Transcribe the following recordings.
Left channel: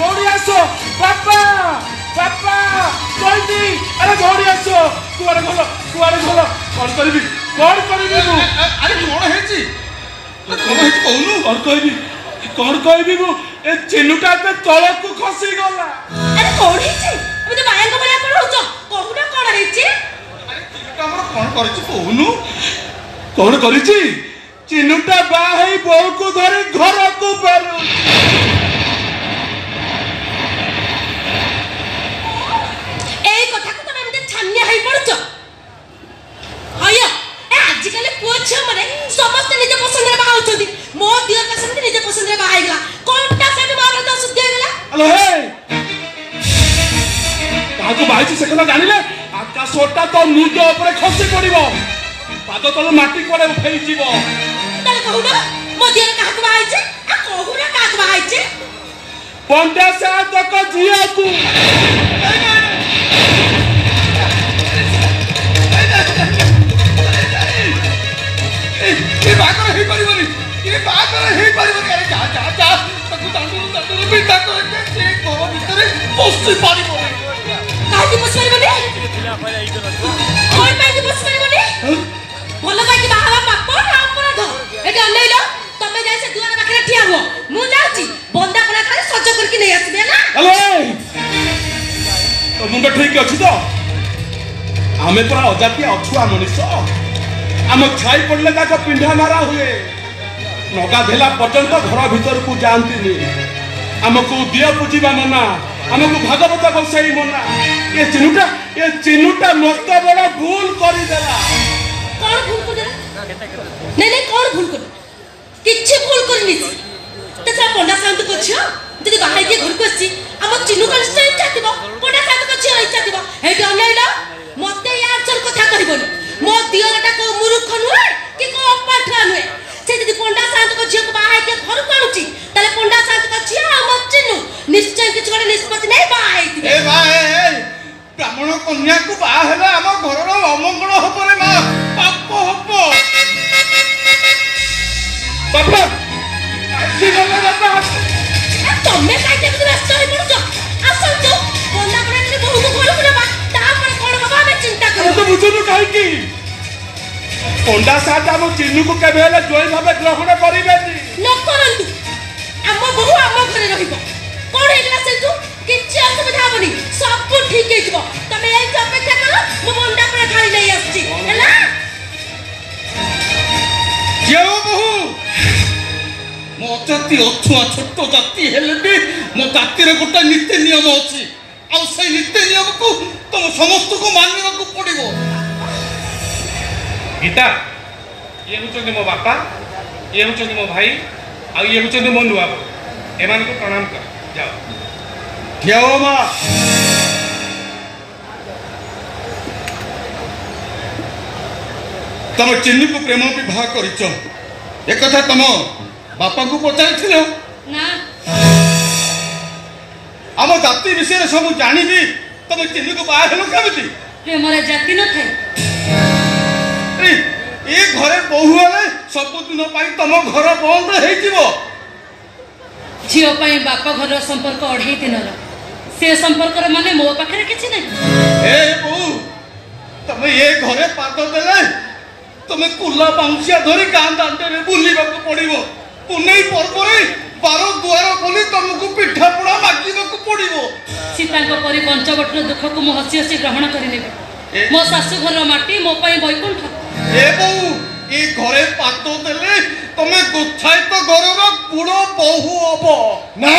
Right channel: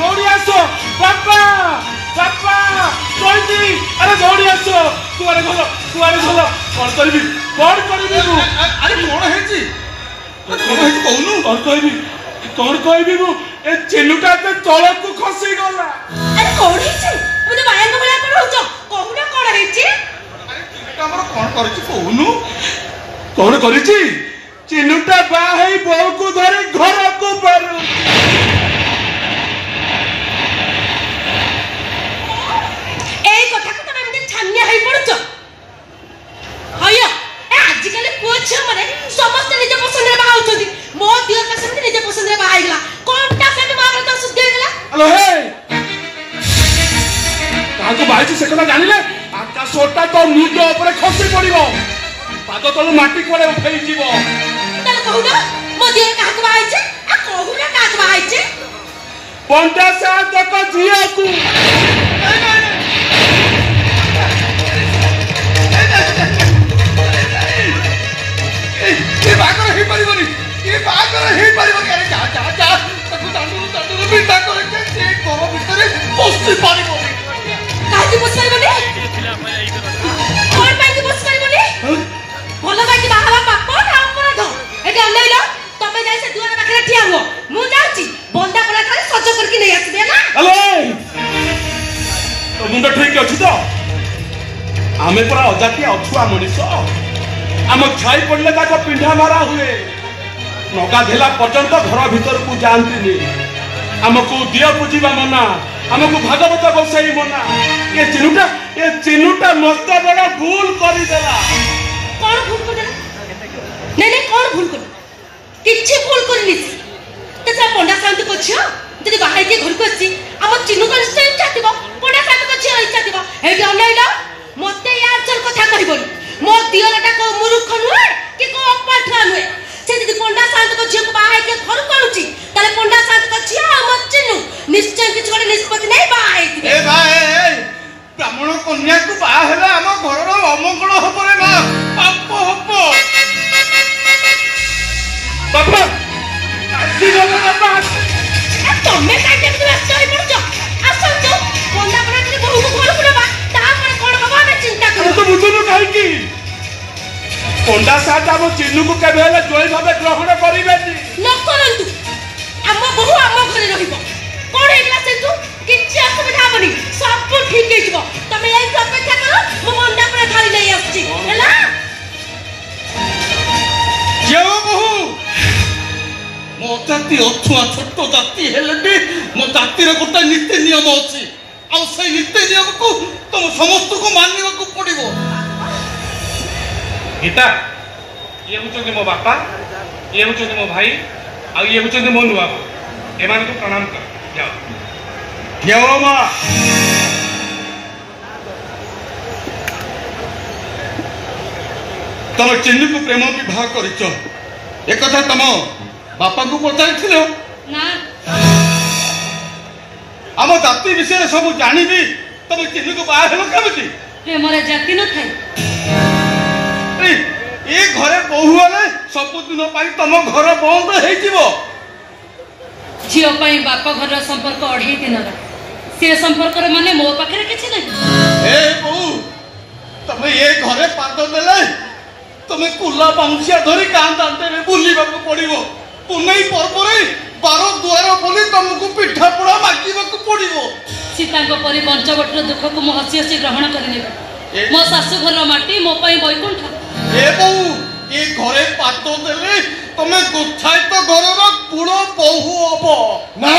दौड़ी आसो बापा बापा जल्दी अरे दौड़ी आसो कुआरे चलो कौन करबी अरे कौन हेची कौन कहबी मु ए चिन्नुटा ते तळ को खसी गला अरे कौन हेची मु तो बाया को बला कोन होचो कहूना कौन हेची चिन्नुटा हमर कौन करछि कहूनु कौन करिछि चिन्नुटा बा हेई बहू को धरि घर को बेरु एई कथा को तमे मते छानिया हेई पड़छो हयो ए आज कले पुआ छ माने समस्त निज पसंद रे बाहा होछथि मो दियर पसंद निज पसंद रे बाहा गेला कोनटा साने मार तो सुद्ध गेला हेलो हे काको बाइछि से कोना जानिले आकाशटा तो निज ऊपर खसी पड़िबो पाद तले माटी कोले उठै जीवो तले कहूना मो दियर काको बाहाइछे आ कहूना काको बाहाइछे पंडा सा तक जियो को ये बाकर हे परिबनी अरे जा जा जा तक दांडू बिटा करे के से गोवा भितरे पोस्ती पानी बोली काहे बस परिबनी और पाई बस परिबनी भलो माटी बाहाला पाप ना हमर दो एटा अनैलो तमे जाई से दुआर पाखरे ठिया हो मु जाउची बंदा कोला खाली सज करके नै आसबे ना हेलो तो मुंडा ठीक अछि तो आमे पूरा अजाती अछुआ मनुष्य आम छाई पड़ले ताक पिंढा मारा हुए नगा धेला पर्यंत घर भीतर को जानती आमको दिया पूजिबा मना आमको भागवत बसाई मना ये चिनुटा मस्त बड़ा भूल करी देला कौन भूल कर देला नहीं कौन भूल कर किछि भूल करनी तेरा पंडा शांत पछियो जदी बाहर के घर को आसी हम चिनु का निश्चय चाहतिबो पंडा शांत पछियो इच्छा दिबो हे अनैला मते यार चल कथा करबोनी मो दियरटा को मूर्ख नुए कि को अपाठा नुए से जदी पंडा शांत पछियो को बाहर के घर काउची तले पंडा शांत पछियो हम चिनु निश्चय किछ गोटे निष्पत्ति नै बाहर दिबे ए भाई ब्राह्मण कन्या को बाहर हेला हम घर रो अमंगल होबो रे ना पाप होबो बाबा आसी गला बाबा तमे काई के व्यस्त होई पड़छ आसल जो पंडा पड़ा के बहु को घर पुरबा ता पर कोन बाबा में चिंता करो तो बुझनु काई की पंडा साथ हम चिन्नु को केबे हेला जोई भाबे ग्रहण करिबेनी न करंतु हम बहु हम घरे रहिबो कोन हेला से तू किछ असुविधा बनी सब ठीक हेजबो तमे एई अपेक्षा करो मो पंडा पर खाली नै आछी हैला जो बहु मो जाति अथुआ छोट जाति हेले भी मो जातिर गोटे नीति नियम अछि आ से नीति नियम को तुम समस्त को मानने को पड़िबो गीता ये हुचंदी मो बापा ये हुचंदी मो भाई आ ये हुचंदी मो नुआ एमान को प्रणाम कर जाओ जाओ मां तुम चिन्नु को प्रेम विवाह करिछ एक कथा तुम बापा को पचार ना आम जाति विषय सब जानी तुम चिन्नु को बाहर हेलो केमिति प्रेम रे जाति न थाई ए घरे बहु वाले सब दिन पाई तुम घर बंद हे जीवो झियो पाई बापा घर संपर्क 2.5 दिन से संपर्क रे माने मो पाखरे किछि नै ए बहु तुम ये घरे पाद देले तुम कुला बाउंसिया धरी गां दांते में बुलीबा को पड़िबो पुनै परपरे 12 द्वार बोली तुमको पिठा पोड़ा मागिबा को पड़िबो सीता को परि पंचवटर दुख को मो हसी हसी ग्रहण करि नेबे मो सासु घर माटी मो पई बैकुंठ ए बहु ए घरे पाद देले तुमे गुछाई तो गरब गुड़ बहु हबो ना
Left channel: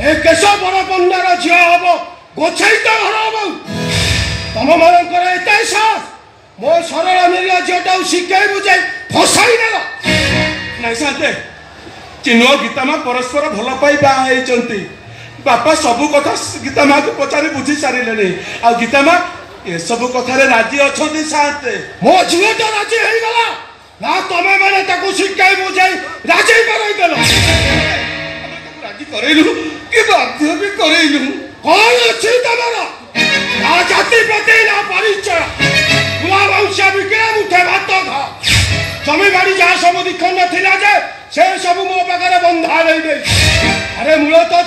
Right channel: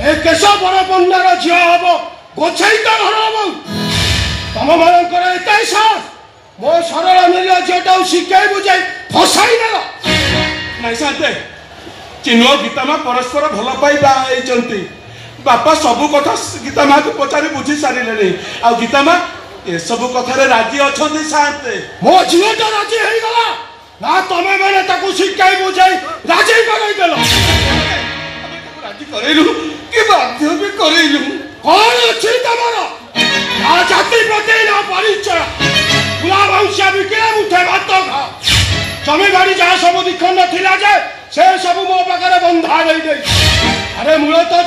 ए केशव बड़ पंडार झियो हबो गोछाई तो घर हबो तम मानकर एते साहस मो सरल मिलिया झियोटा शिखाई बुझाई फसाई देलो नै साथे चिन्ह गीता मां परस्पर भल पाई बा हेचंती बापा सब कथा गीता मां को पचारि बुझी सारिले आ गीता मां ए सब कथा रे राजी अछंती साथे मो झियोटा राजी हेई गला ना तमे माने ताको शिखाई बुझाई राजी करई देलो राजी करैलु कि बाध्य भी करैलु कौन अछि तमरो आ जाति प्रति ना परिचय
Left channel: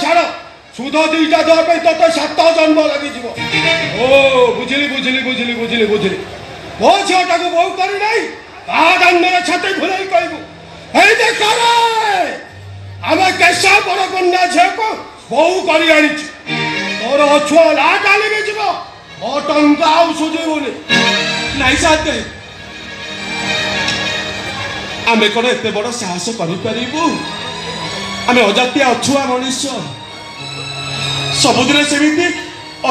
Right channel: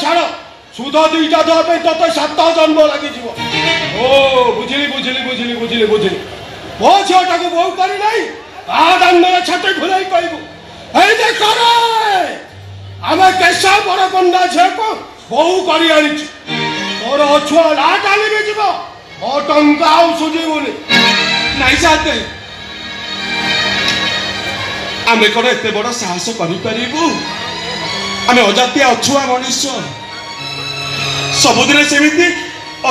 ଛାଡ଼ ସୁଧ 2ଟା ଦେବା ପାଇଁ ତତେ 7 ଜନ୍ମ ଲାଗିଯିବ। ଓ ବୁଝିଲି ବୁଝିଲି ବୁଝିଲି ବୁଝିଲି ବୁଝିଲି। ମୋ ଝିଅଟାକୁ ବୋହୂ କରି ନାହିଁ ତା ଦାଣ୍ଡରେ ଛାତି ଘୁରାଇ କହିବୁ ଏଇ ଦେଖ ଆମେ କେଶ ବଡ଼ କନ୍ୟା ଝିଅକୁ ବୋହୂ କରି ଆଣିଛୁ। ମୋର ଅଛୁଆ ଲାଟ ଆଣିବି ଯିବ ମୋ ଟଙ୍କା ଆଉ ସୁଝିବୁନି। ନାଇଁ ସାତେ ଆମେ କଣ ଏତେ ବଡ଼ ସାହସ କରିପାରିବୁ? ଆମେ ଅଜାତିଆ ଅଛୁଆ ମଣିଷ ସବୁଦିନ ସେମିତି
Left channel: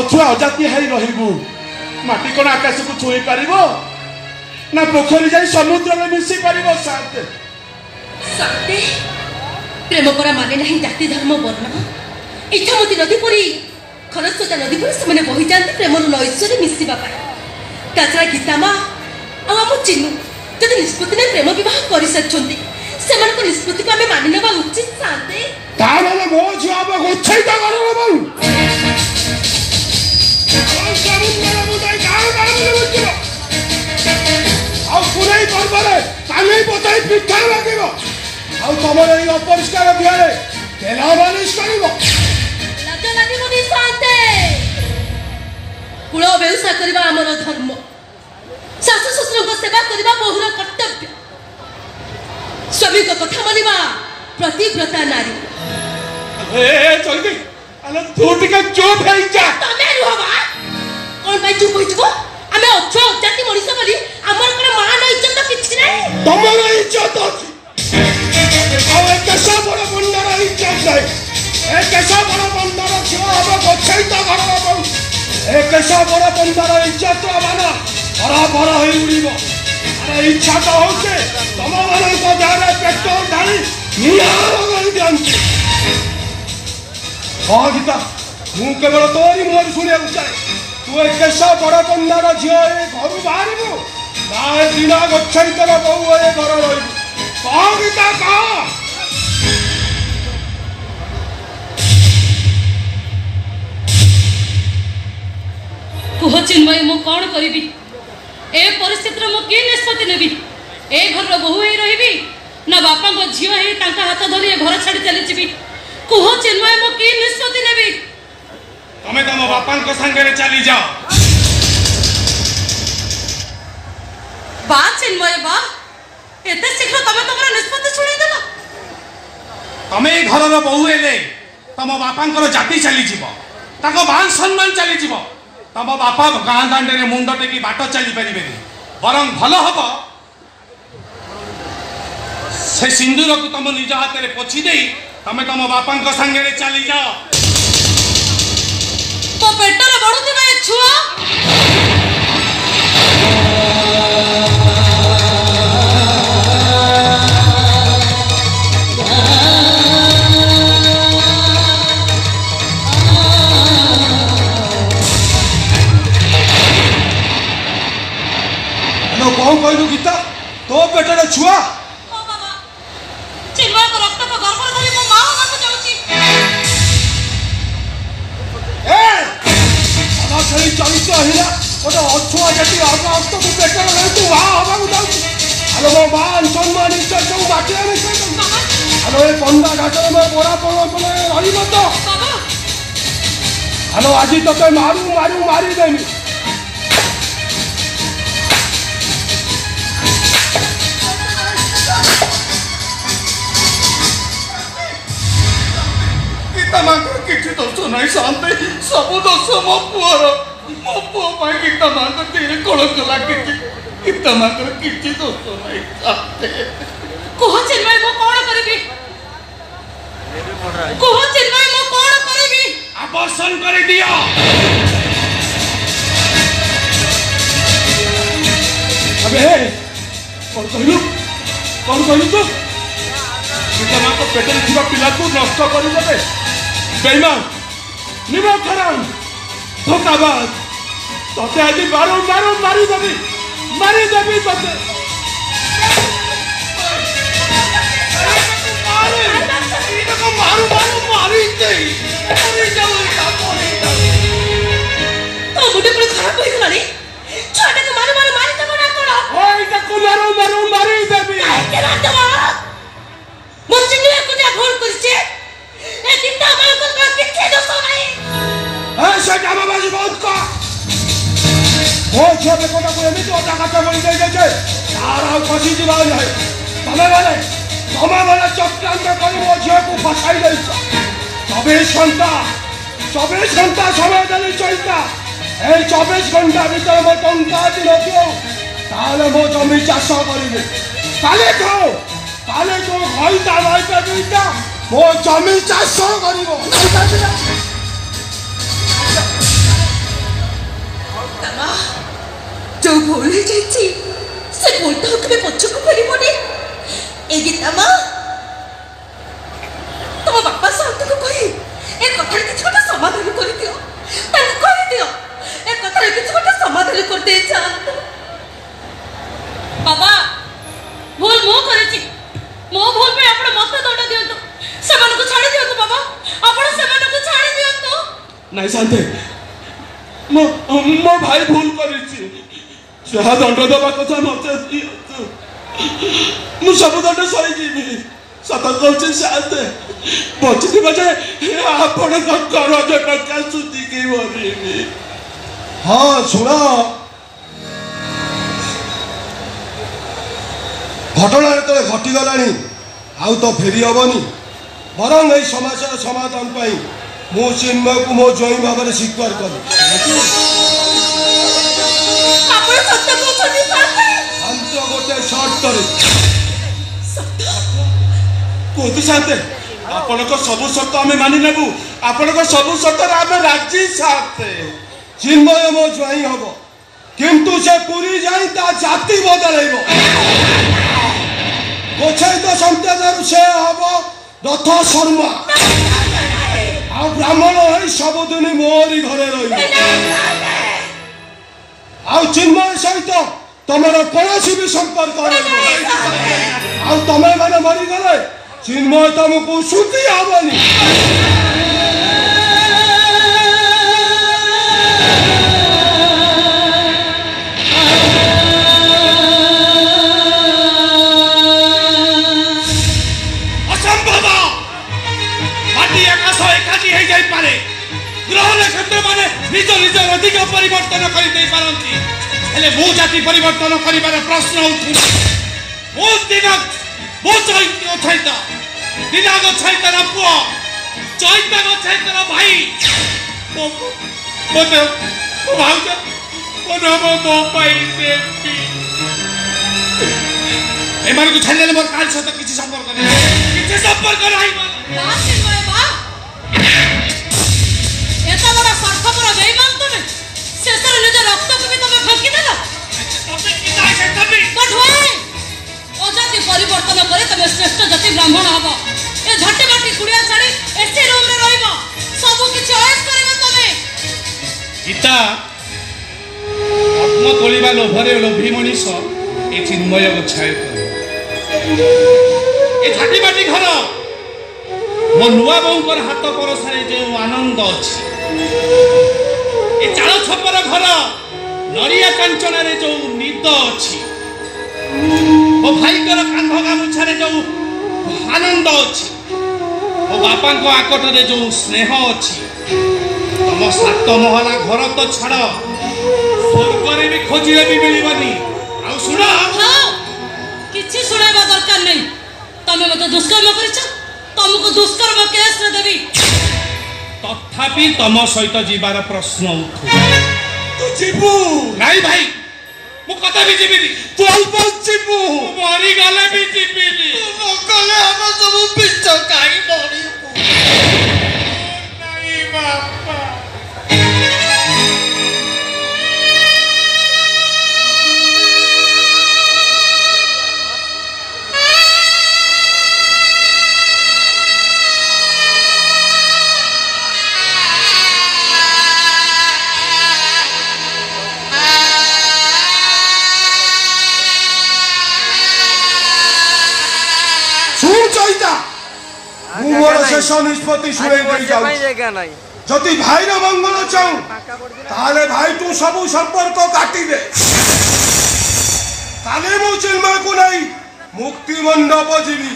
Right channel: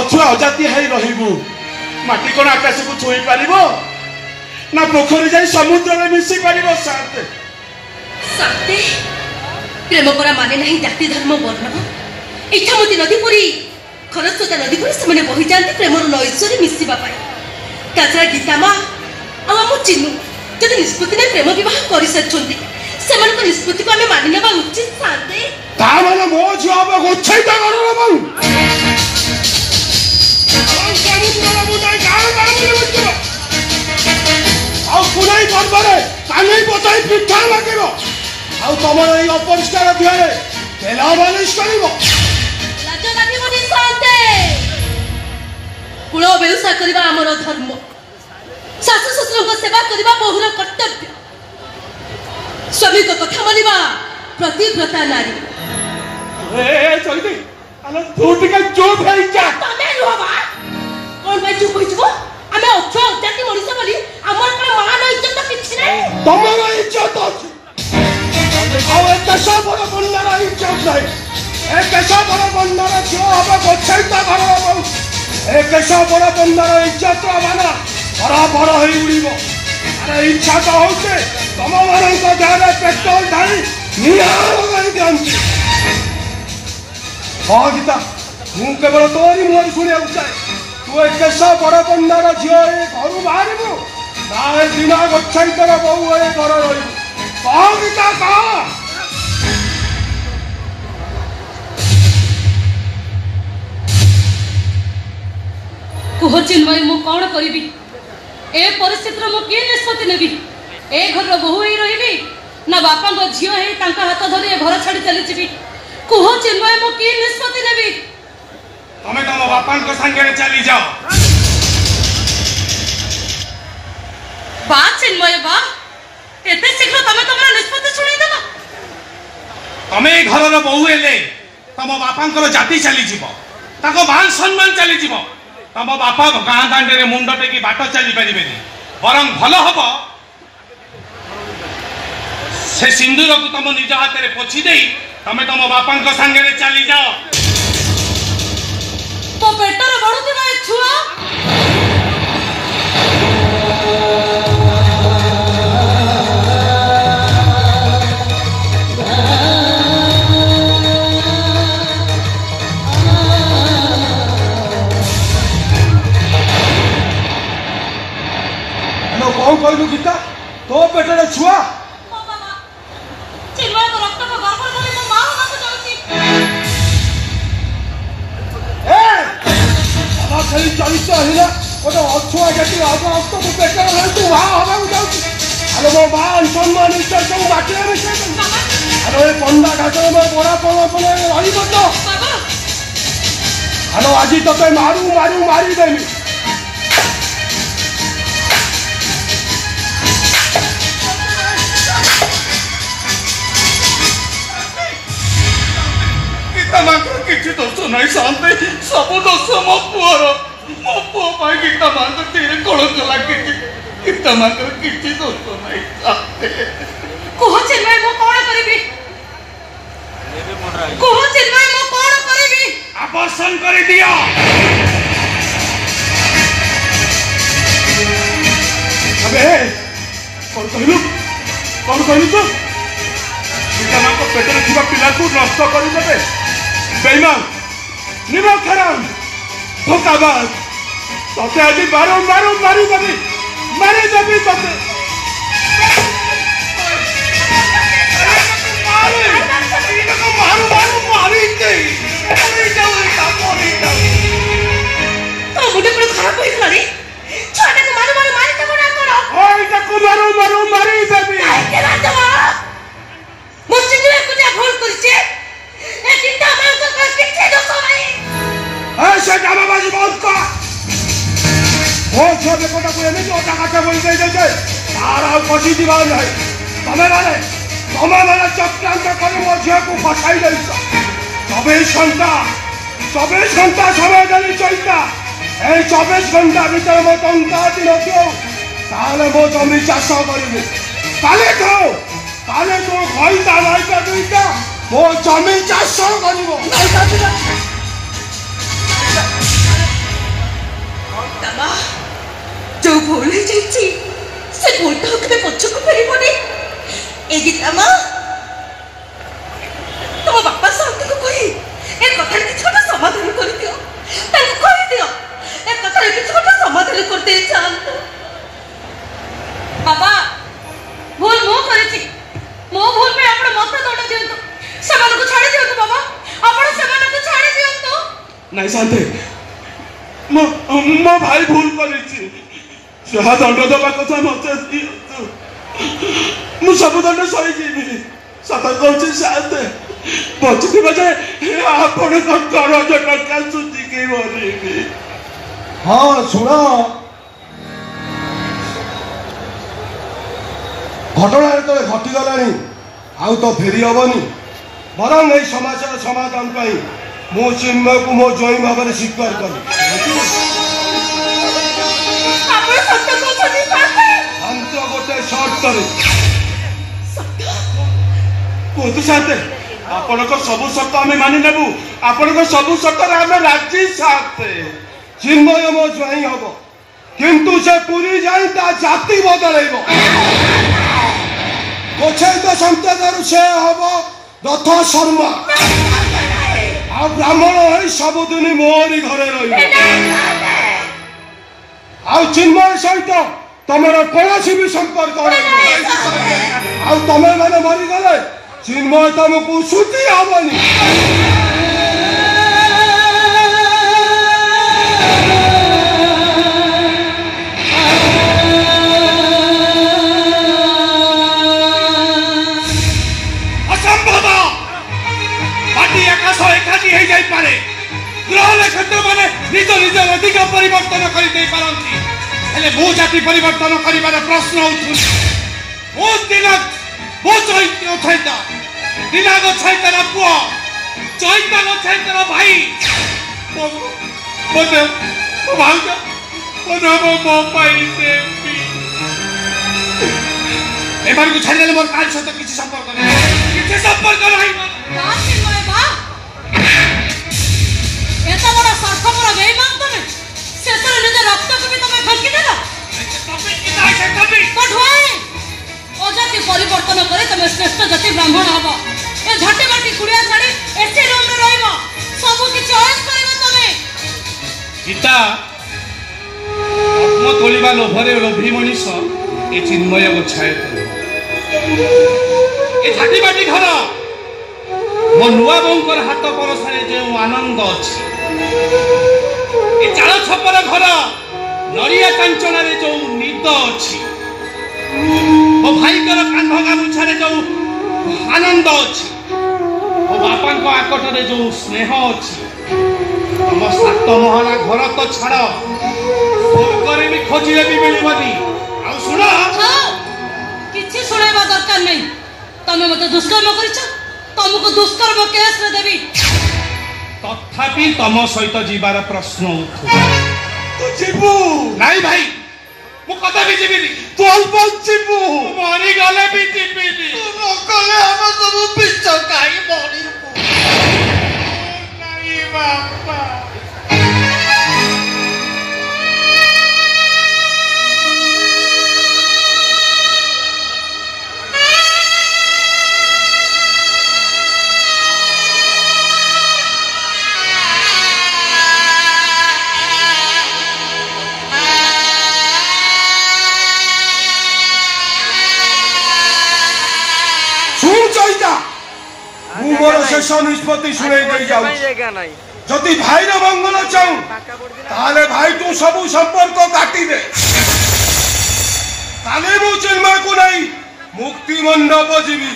ଅଛୁଆ ଅଜାତିଆ ହେଇ ରହିବୁ। ମାଟି କଣ ଆକାଶକୁ ଛୁଇଁ ପାରିବ ନା ପୋଖରୀ ଯାଇ ସମୁଦ୍ରରେ ମିଶି ପାରିବ? ସାତେ ସାତେ ପ୍ରେମ ପରା ମାନେ ନାହିଁ ଜାତି ଧର୍ମ ବର୍ଣ୍ଣ। ଇଚ୍ଛାମତୀ ନଦୀ ପରି ଖରସ୍ରୋତା ନଦୀ ପରି ସେମାନେ ବହି ଯାଆନ୍ତି ପ୍ରେମର ନୈଶ୍ଵରେ ମିଶିବା ପାଇଁ। ତାଛଡ଼ା ଗୀତା ମା ଆଉ ଆମ ଚିନୁ ଯଦି ନିଷ୍ପତ୍ତି ନେଇ ପ୍ରେମ ବିବାହ କରିସାରିଛନ୍ତି ସେମାନଙ୍କ ନିଷ୍ପତ୍ତିକୁ ଆମେ ମାନି ନେବା ଉଚିତ। ସାତେ ତା ମାନେ ମୋ ଝିଅ ହବ ଗୋଛେଇତା ଘରର ବୋହୂ। ଆଉ ପୁନେଇ ପର୍ବରେ କାନି ପତାଇ ପିଠା ଲାଗିବ ଆଉ ତମର ଏଇ ଅପରିଷ୍କାର ଦେହରେ ତେଲ ମାଲିସ କରିବ। ଲାଜ ଲାଗିବନି ସାତେ। କୁଳ ବେଉସା କରିବା ଆମର ଧର୍ମ। ଶାଶୁ ଶ୍ୱଶୁରଙ୍କ ସେବା କରିବା ବୋହୂର କର୍ତ୍ତବ୍ୟ। ସ୍ୱାମୀଙ୍କ କଥା ମାନିବା ପ୍ରତିବ୍ରତା ନାରୀ। ଚଳିବି ତୁ ଟିକେ ଚୁପ୍ ହେଇଯା। ତମେ ରୁହ ବା। କଣ ପାଇଁ ଚୁପ୍ ହୋଇଯିବ? ଆମେ ଅଛୁଆ ଅଜାତି ମଣିଷ ବୋଲି ଆମର କଣ ମାନ ଇଜ୍ଜତ କିଛି ନାହିଁ? ତମର ଇଜ୍ଜତ ଅଛି ଆଉ ଏ କେଶ ବଡ଼ କନ୍ୟାର ଇଜ୍ଜତ ନାହିଁ। ଏ କେଶ ବଡ଼ କନ୍ୟାର ଝିଅ ହବ ଗୋଛେଇତା ଘରର ବୋହୂ। ଏ କେଶ ବଡ଼ କନ୍ୟାର ଇଜ୍ଜତ ମାନେ ବଡ଼ ବଡ଼ ହେଇ ଉଡ଼ିବ। ଇଚ୍ଛା ତ ହଉଛି ତମମାନଙ୍କ ଦେହରେ ପେଟ୍ରୋଲ ଢାଳି ନିଆଁ ଲଗାଇ ଦିଅନ୍ତି। ହଁ ଗୀତା ମୁଁ କେବଳ ତୋରି ମୁହଁରୁ ଶୁଣିବାକୁ ଚାହେଁ ତୁ ଏ କେଶ ବଡ଼ କନ୍ୟାର ଝିଅ ଏ ଘରୁ ବାହାରିବୁ ନା ଏ ଦିନ ଗୋଛେଇତର ବୋହୂ ଏ ଘର ରହିବୁ? କହ ଗୀତା କହ। କୁହ ଚିନ୍ମୟ ମୁଁ କଣ କରିବି? ଏ ପରିସ୍ଥିତିରେ ମୁଁ କି ନିଷ୍ପତ୍ତି ନେବି? ଏ ଘରର ବୋହୂ ହେଇ ରହିବି ନା ବାପାଙ୍କ ଝିଅ ହେଇ ତାଙ୍କ ହାତ ଧରି ଏ ଘର ଛାଡ଼ି ଚାଲିଯିବି? କୁହ ଚିନ୍ମୟ ମୁଁ କି ନିଷ୍ପତ୍ତି ନେବି? ତମେ ତମ ବାପାଙ୍କ ସାଙ୍ଗରେ ଚାଲିଯାଅ। ବା ଚିନ୍ମୟ ବା ଏତେ ଶୀଘ୍ର ତମେ ତମର ନିଷ୍ପତ୍ତି ଶୁଣେଇଦେଲ। ତମେ ଏଇ ଘରର ବୋହୂ ହେଲେ ତମ ବାପାଙ୍କର ଜାତି ଚାଲିଯିବ ତାଙ୍କ ମାନ ସମ୍ମାନ ଚାଲିଯିବ। ତମ ବାପା ଗାଁ ଦାଣ୍ଡରେ ମୁଣ୍ଡ ଟେକି ବାଟ ଚାଲି ପାରିବେନି। ବରଂ ଭଲ ହବ ସେ ସିନ୍ଦୁରକୁ ତମ ନିଜ ହାତରେ ପୋଛି ଦେଇ ତମେ ତମ ବାପାଙ୍କ ସାଙ୍ଗରେ ଚାଲିଯାଅ। ତୋ ପେଟରେ ବଢୁଥିବା ଏ ଛୁଆ କଣ କହିଲୁ ଗୀତା? ତୋ ପେଟରେ ଛୁଆ? ଚିନ୍ମୟକୁ ରକ୍ତକୁ ଗର୍ଭ ଧରି ମୋ ମା ହବାକୁ ଯାଉଛି। ଖେଳି ଚଳିତ ହେଲା ଗୋଟେ ଅଛୁଆ ଜାତି ଅବସ୍ଥାକୁ ପେଟରେ ରହିଛି ମା ହବାକୁ ଯାଉଛି। ଆରେ ମୋ ମା ସମ୍ମାନ ଇଚ୍ଛା ସବୁ ବାଟିରେ ମିଶେଇ ଆରେ ଏ ପଣ୍ଡା ଘାଟରେ ମୋ ବଡ଼ା ପଣ ରହିବ ତ? ଆରେ ଆଜି ତତେ ମାରିଦେବି। କିଛି ଦୋଷ ନାହିଁ ଶାନ୍ତେ, ସବୁ ଦୋଷ ମୋ ପୁଅର। ମୋ ପୁଅ ପାଇଁ ଗୀତା ମାଙ୍କ ଦେହରେ କଳଙ୍କ ଲାଗିଛି। ଗୀତା ମାଙ୍କର କିଛି ଦୋଷ ନାହିଁ ଶାନ୍ତେ। କୁହ ଚିନ୍ମୟ ମୁଁ କଣ କରିବି? କୁହ ଚିନ୍ମୟ ମୁଁ କଣ କରିବି? ଆବର୍ଷଣ କରିଦିଅ। ଆବେ କଣ କହିଲୁ? କଣ କହିଲୁ ତୁ? ଗୀତା ମାଙ୍କ ପେଟରେ ଥିବା ପିଲାକୁ ନଷ୍ଟ କରିଦେବେ। ବେଇମାନ, ନିମଖରାମ, ଧୋକାବାଜ। ତତେ ଆଜି ମାରିଦେବି ତତେ। ମୁଣ୍ଡ ପୁଣି ଖରାପ ହେଇଗଲାଣି। ଛୁଆଟାକୁ ମାରିଦେବ ନା କଣ? ଏଇଟାକୁ ମାରିଦେବି। ମୋ ଚିନ୍ମୟ କୁନିଆ ଭୁଲ କରିছে। ଏ ଚିନ୍ତା ମାନଙ୍କୁ ଝିଅ ବେକଟାକୁ ଏମିତି ଅଧା କାଠ ବୋଳି ଦେଇଛ ଯେ ତାର ଆଉ ପଶି ଯିବାର ନାହିଁ। ତମେମାନେ ଚକ୍ରାନ୍ତ କରି ମୋ ଝିଅକୁ ଫସାଇ ଦେଇଛ। 24 ଘଣ୍ଟା ସମୟ ଦେଲି ଚଇତା। এই 24 ঘণ্টা ভিতরে ମୋ ଟଙ୍କା ଯଦି ନଥିବ ତାହେଲେ ମୋ ଜମି ଚାଷ କରିବି। କାଲି ଖାଉ ଘଇତା ଭାଇତା ଦୁଇଟା ମୋ ଜମି ଚାଷ କରିବ। जो भूल हो जाइए से भूलटा केबे पछको फेरिबोनी। ए गीता मां तुम बापा साथ को कही ए कथा किछ गोटे समाधान कर दियो। ताके कहि दियो ए कथा किछ गोटे समाधान कर दे चाल। बाबा भूल मो करिछि मो भूल पे आपण मत दंड दियंतु। समान को छाड़ी दियंतु बाबा आपण समान को छाड़ी दियंतु। नहीं शांति मो भाई भूल करिछि। जहाँ दंड दबा कथा मत दियंतु। मु सब दंड सही जीवी। सत कहूँ शांत बचि बजे आपण करज टका सुधी के मरिबी। हाँ शुण घटना जो घटीगला आउ तो फेरी हेनी। बरং এই समस्या समाधान पाई मु चिन्मय को मो जई भाव में स्वीकार कर। हम तो गोटे शर्त कहते साथे आपण सबू शर्त आम मानि नेबू। आपण सबू शर्त आम राजी साथे। चिन्मय मो जई हम किंतु से पूरी जाई ता जाति बदलैब। गोछैत संतेदर से हम रथ शर्मा आ ब्राह्मण है सबुदिन मोरी घरे रही। चिन्मय सहित तमर कौन भी संपर्क तमें मैंने मरीगले चिन्मय तुमको सुखी हेनी। ग्रह नक्षत्र मैंने निज निज अधिकार परिवर्तन कर मो जाति परिवर्तन कर प्रश्न मो दिनाग मो चैता दिनाग चैतार पुआ चैताग चैतार भाई भाउज मो एम को छाड़े मोर काल सहित किसी संपर्क नहीं। परिवर्तन करे तमे श्रेष्ठ जाति ब्राह्मण हबो। ए झटे बाटी कुड़िया छाड़ी एसे रूम रे रहइबो। सब किछ अयस करबो तमे। गीता आत्म तोलिबा लोभरे लोभी मनीष ए चिन्मय को छाय ए झटे बाटी घर मो नुआ बौकर हाथ परसरे जे आनंद अछि ए चाळ छपर घर नरिया कांचन रे जो निद अछि मो भाई कांध गामुछारे जो आनंद अच्छी मो बापा आकट रे जो स्नेह अच्छी तुम 7 महला घर तो छाड़ स्वर्ग भी खोजिले भी मिलबनी। आ सुन किछि सुनेबा दरकार नहीं। तमे मते दुष्कर्म करिछ तुमको दुष्कर्म केस रे देबी। तथापि तम सहित जीवार प्रश्न उठु तू जीवु नहीं भाई मु कदा भी जीविनी। तू बचिबु मरी गले भी जीविनी। तू न गले हम सब पिछ काई मरी नहीं बापा। शेष निष्पत्ति शुणे जदि भाई मंगल चाहू ताले भाई तू सबू संपर्क काटी दे। ताले मु चिन्मय को नहीं मुक्ति मंडप जीवी।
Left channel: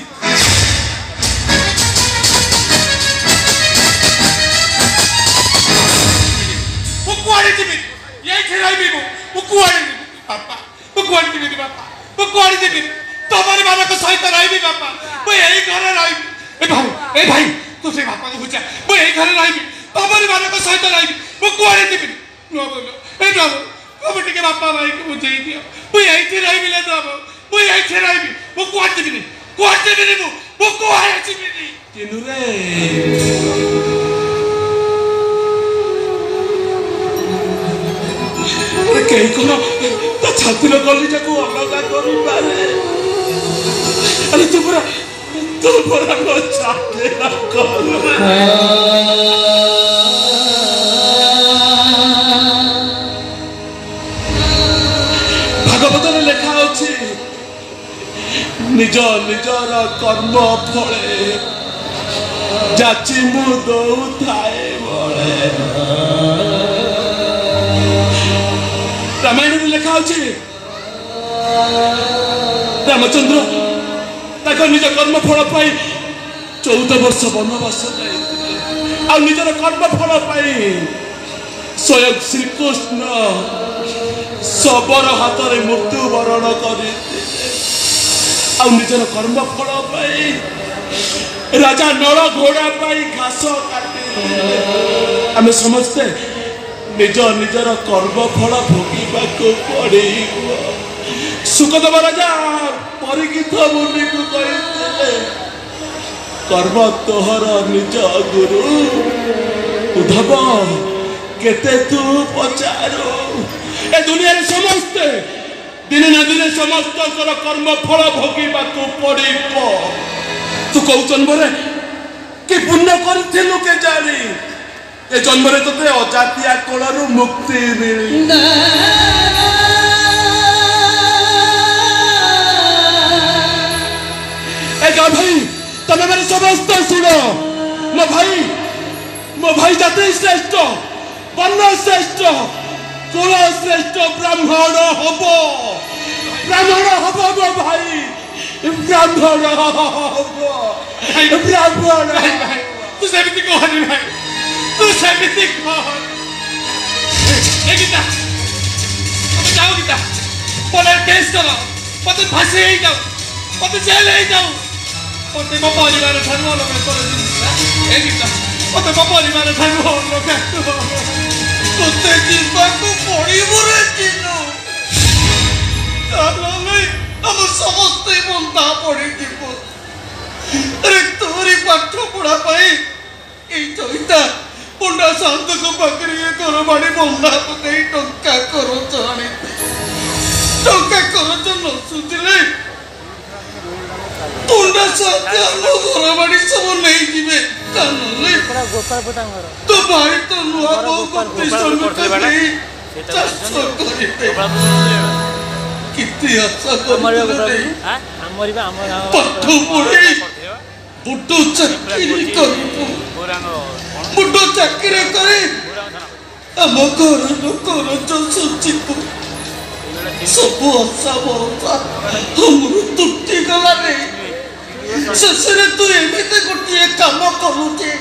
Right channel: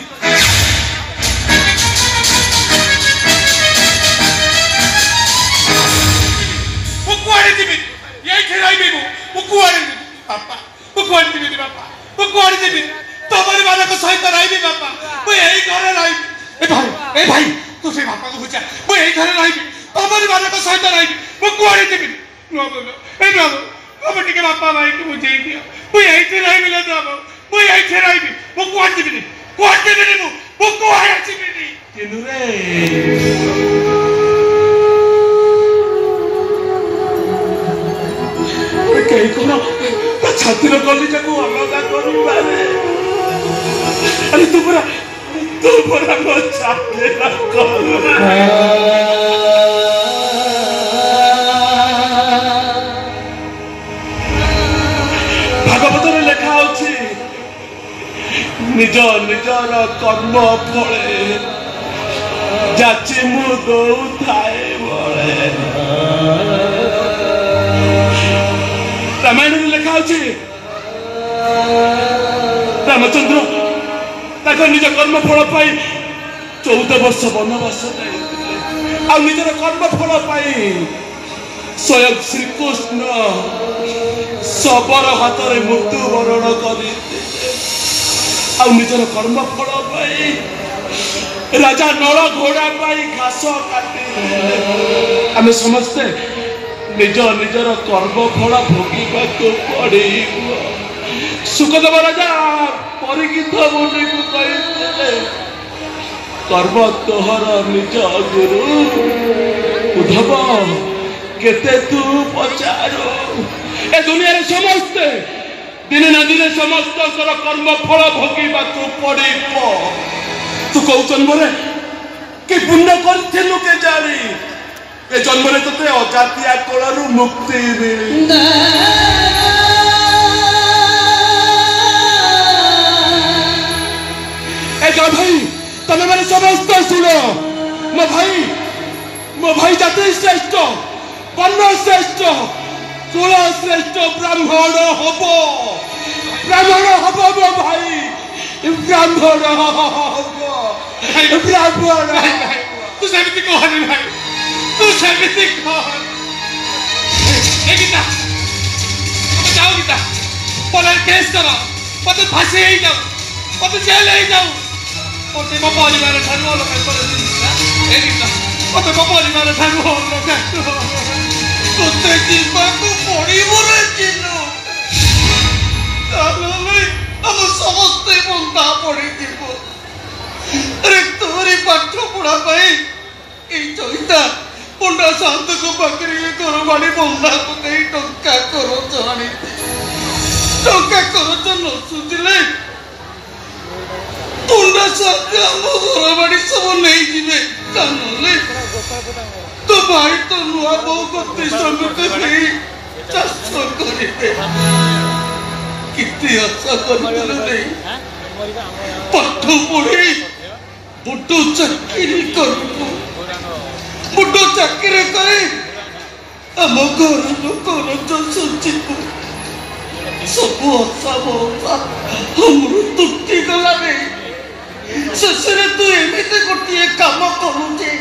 कुआरे जीवी ये खेलाई भी कुआरे ତମରି ମାନଙ୍କ ସହିତ ରହିବି ମୁଁ କୁଆଡ଼େ ଯିବିନି ଏ ବାବୁ ତମେ ଟିକେ ବାପା ଭାଇକି ବୁଝେଇ ଦିଅ ମୁଁ ଏଇଠି ରହିବି ନା ବାବୁ ମୁଁ ଏଇଠି ରହିବି ମୁଁ କୁଆଡ଼େ ଯିବିନି ମୁଁ କୁଆଡ଼େ ଯିବିନି କିନୁରେ କେହି କ'ଣ ତା ଛାତିର କଲିଜାକୁ ଅଲଗା କରିପାରେ ଆରେ ତୁ ପରା ମୋ ଛାତି ଭାଗବତରେ ଲେଖା ଅଛି ନିଜ ନିଜର କର୍ମ ଫଳେ ଯାଚି ମୁଁ ଦଉଥାଏ ବଳେ ରାମାୟଣରେ ଲେଖା ଅଛି ରାମଚନ୍ଦ୍ର ତାଙ୍କ ନିଜ କର୍ମ ଫଳ ପାଇଁ 14 ବର୍ଷ ବନବାସ ଆଉ ନିଜର କର୍ମ ଫଳ ପାଇଁ ସ୍ୱୟଂ ଶ୍ରୀକୃଷ୍ଣ ଶବର ହାତରେ ମୃତ୍ୟୁବରଣ କରି ଆଉ ନିଜର କର୍ମ ଫଳ ପାଇଁ ରାଜା ନଳ ଘୋଡ଼ା ପାଇଁ ଘାସ କାଟିଲେ ଆମେ ସମସ୍ତେ ନିଜ ନିଜର କର୍ମ ଫଳ ଭୋଗିବାକୁ ପଡ଼ିବ ସୁଖଦେବ ରାଜା ପରୀକ୍ଷିତ ମୁନିକୁ କହିଥିଲେ କର୍ମ ତୋହର ନିଜ ଗୁରୁ ଉଦ୍ଧବ କେତେ ତୁ ପଚାରୁ ଏ ଦୁନିଆରେ ସମସ୍ତେ ଦିନେ ନା ଦିନେ ସମସ୍ତଙ୍କର କର୍ମ ଫଳ ଭୋଗିବାକୁ ପଡ଼ିବ ତୁ କୋଉ ଜନ୍ମରେ କି ପୁଣ୍ୟ କରିଥିଲୁ କେ ଜାଣି ଏ ଜନ୍ମରେ ତୋତେ ଅଜାତିଆ କୋଳରୁ ମୁକ୍ତି ମିଳି ଭାଇ ତମେ ମାନେ ସମସ୍ତେ ଶୁଣ ମୋ ଭାଇ ଜାତି ଶ୍ରେଷ୍ଠ ବର୍ଣ୍ଣ ଶ୍ରେଷ୍ଠ କୁଳ ଶ୍ରେଷ୍ଠ ବ୍ରାହ୍ମଣ ହବ ମୋ ଭାଇ ବ୍ରାହ୍ମଣ ହବ ବ୍ରାହ୍ମଣ ତୁ ସେମିତି କହନି ଭାଇ ତୁ ସେମିତି କହନି ଗୀତା ଯାଉ ଗୀତା ପୋଲିସ କେସ୍ କର ମତେ ଫାଶୀ ହେଇଯାଉ ମତେ ଜେଲ ହେଇଯାଉ ମତେ ମୋ ପରିବାର ଠାରୁ ଅଲଗା କରିଦିଅ ଗୀତା ମତେ ମୋ ପରିବାର ଠାରୁ ଅଲଗା ତୋତେ ଯିବାକୁ ପଡ଼ିବ ରେ ଚିନୁ ତାହେଲେ ଆମ ସମସ୍ତେ ବନ୍ଧା ପଡ଼ିଯିବ ଆରେ ତୋରି ପାଠ ପଢ଼ା ପାଇଁ ଏଇ ଚଇତା ପଣ୍ଡା ସାନ୍ତଙ୍କ ପାଖରେ ଇଏ ଘରବାଡ଼ି ବନ୍ଧା ଦେଇ ଟଙ୍କା କରଜ ଆଣିଥିଲେ ଟଙ୍କା କରଜ ନ ସୁଝିଲେ ପଣ୍ଡା ସାନ୍ତ ଆମ ଘରବାଡ଼ି ସବୁ ନେଇଯିବେ ନହେଲେ ତୋ ଭାଇ ତ ନୂଆ ବୋହୂକୁ ଶ୍ରମିକ ନେଇ ଚାଷ କରିବେ କେତେ ଆଶା କରୁଥିଲେ ପାଠ ପଢ଼ି ବଡ଼ ଚାକିରି କରିବୁ ବଡ଼ ଚାକିରି କରି ଆମ ଘରର କରଜ ସୁଝିବୁ ସବୁ ଆଶା ଭରସା ଆମର ତୁଟିଗଲାରେ ଶେଷରେ ତୁ ଏମିତି ଗୋଟିଏ କାମ କରୁଛେ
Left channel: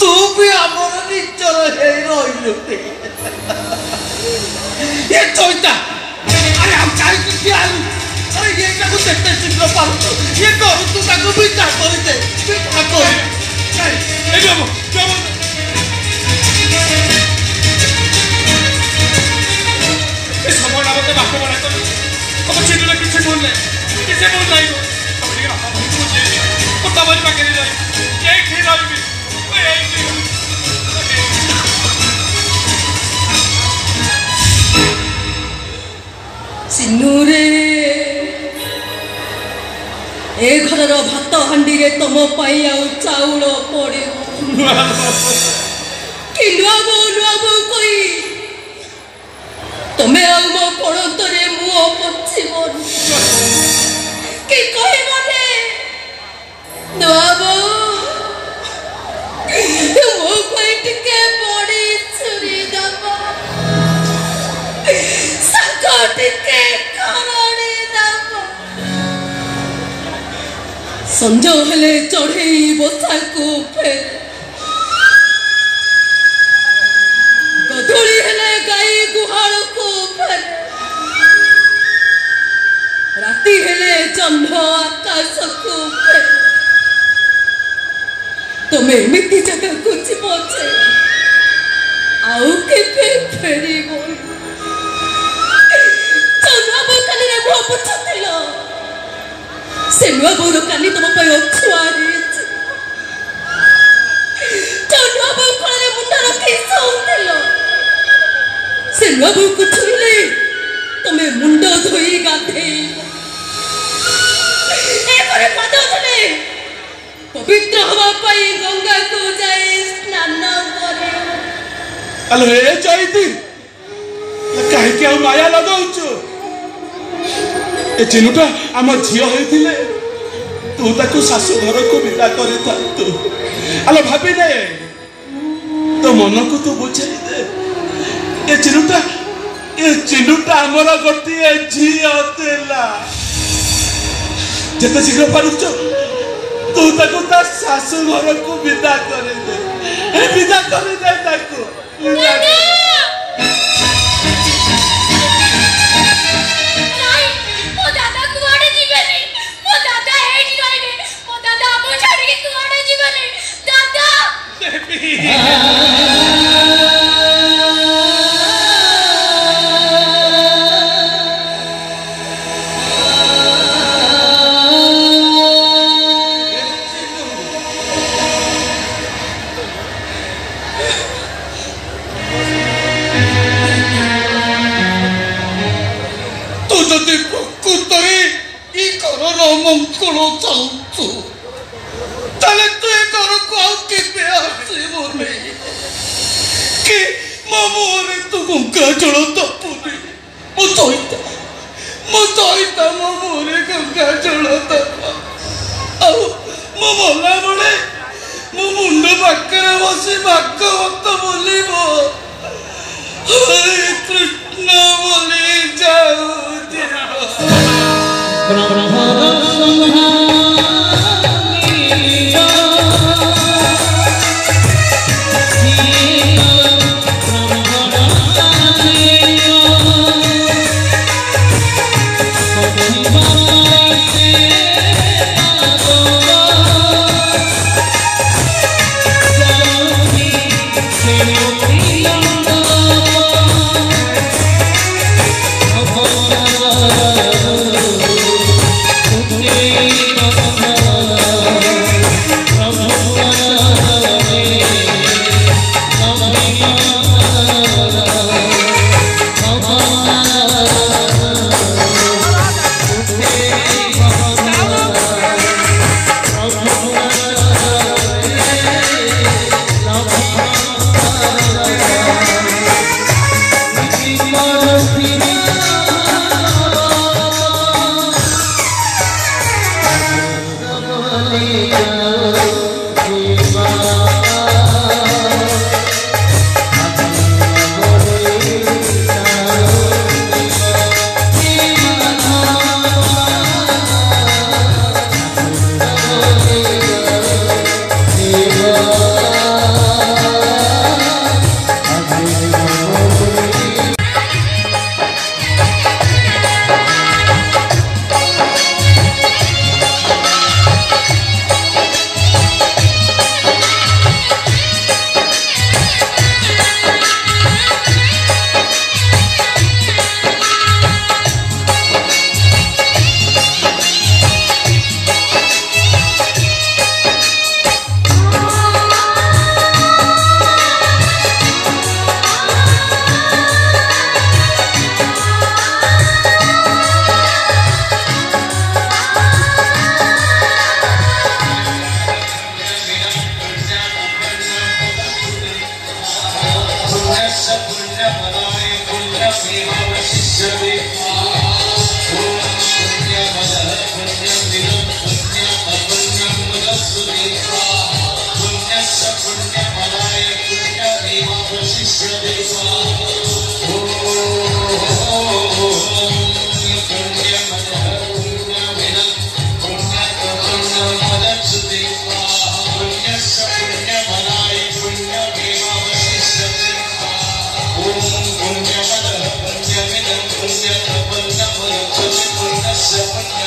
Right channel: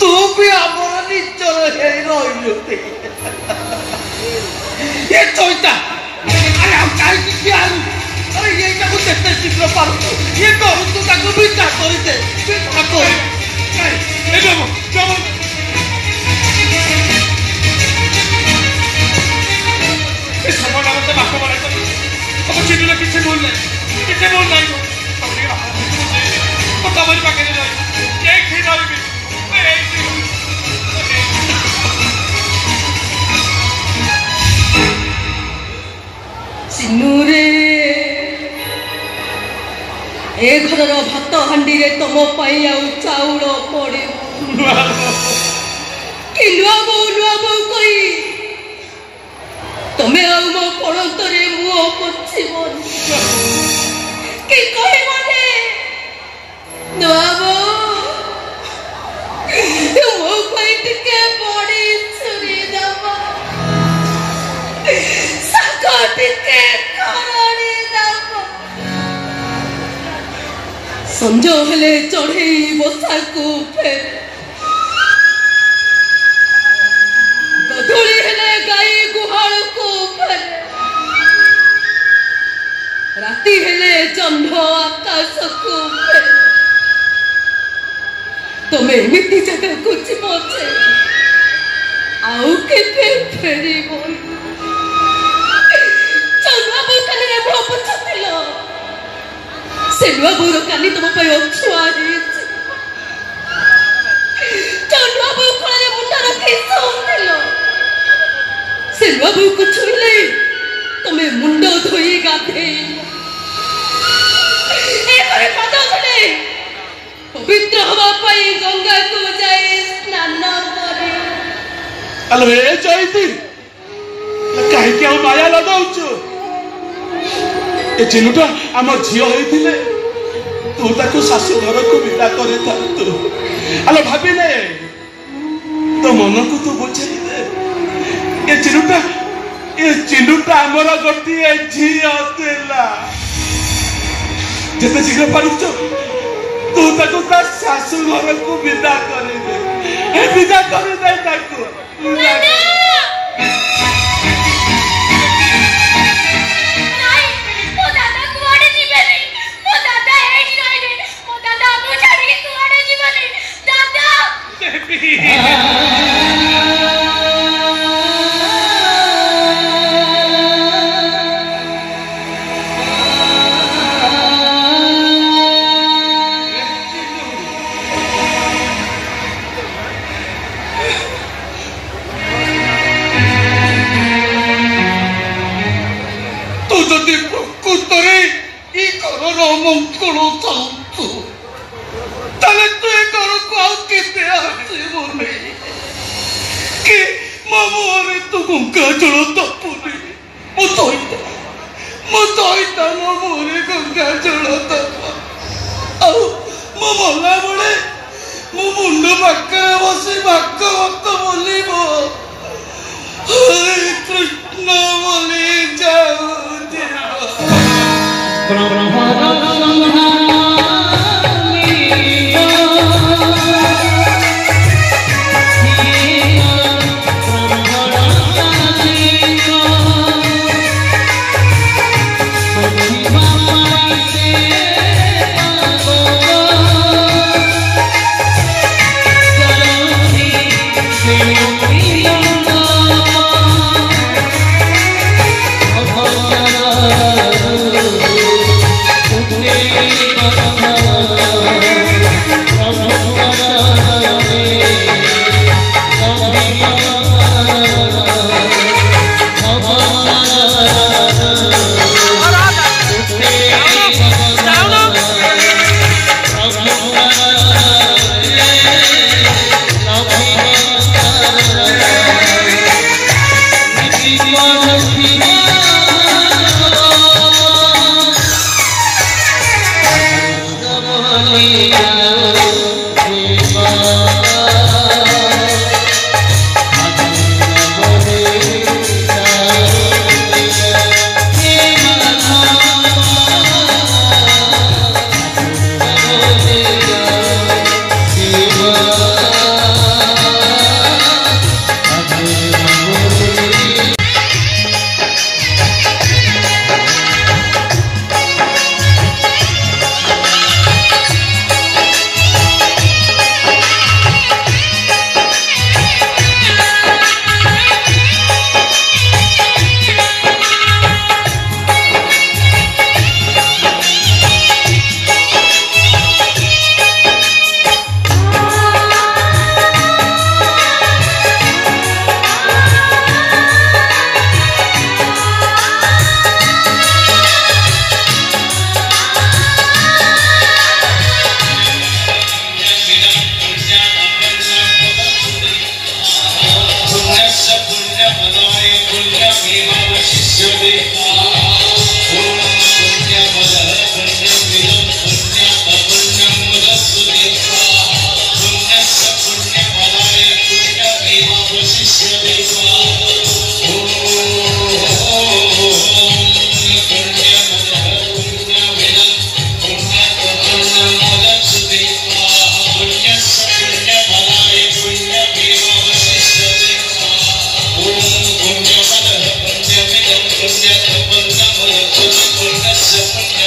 ତୁ ବି ଆମର ନିଜର ହେଇ ରହିଲୁ ଏ ଚଇତା ଆରେ ଆଉ କାହିଁକି ଠିଆ ହେଲୁ ଆରେ ଏଇଟାକୁ ଯେତେ ଶୀଘ୍ର ପାରୁଛୁ ଇଏ କରୁଛୁ ତାକୁ ବିଦା କରିଦେ ଏ ସମୟଟା ମତେ ବାପ ବଢ଼ାଇ ତମ ଚିନ୍ତା କିଛି ଭୁଲ ନାହିଁ କିଛି ଭୁଲ ନାହିଁ ତମରି ପାଖରେ ରହିବି ଏଇଠି ରହିବି ଚିନୁରେ ଏ ଘରର ଭାତ ହାଣ୍ଡିରେ ତମ ପାଇଁ ଆଉ ଚାଉଳ ପଡ଼ିବ କି ନୂଆ ବୋଉ କହି ତମେ ଆଉ ମୋ ପଣତରେ ମୁହଁ ପୋଛିବନି କି କହିବନି ନୂଆ ବୋଉ ମୋ ପାଇଁ ଟିକେ ବଡ଼ି ଛୁରୀ ଦବ ଶାଗ ଟିକେ ଖରଡ଼ି ଦବ ସଞ୍ଜ ହେଲେ ଚଢ଼େଇ ବସାକୁ ଫେରେ ଗଧୂଳି ହେଲେ ଗାଈ ଗୁହାଳକୁ ଫେରେ ରାତି ହେଲେ ଜହ୍ନ ଆକାଶକୁ ଫେରେ ତମେ ଏମିତି ଜାଗାକୁ ଯିବ ଯେ फेरिबो चौनुआ बो काली रे मुह पुछतिल से नुआ बो काली तुम पय छुआ हेछि चौनुआ बो कोले मुंडा रखि सोउतिल से नुआ बो को छुइले तमे मुंडो धोई गाधे ए करे पद उठले पवित्र हवा पाई गंगा को जाए स्नान करे अलो ए जाईती काहे के माया लगाउछु ए चिनुटा हमर झियो होइथिले तू ताको सासु घर को विदा करे था तू अलो भाबी ने तो मन को तू बुझे दे ए चिनुटा हमर गोटिए झियो तेला जते शीघ्र पारुछ तू ताको ता सासु घर को विदा करे दे ए विदा करे दे ताको पुण्य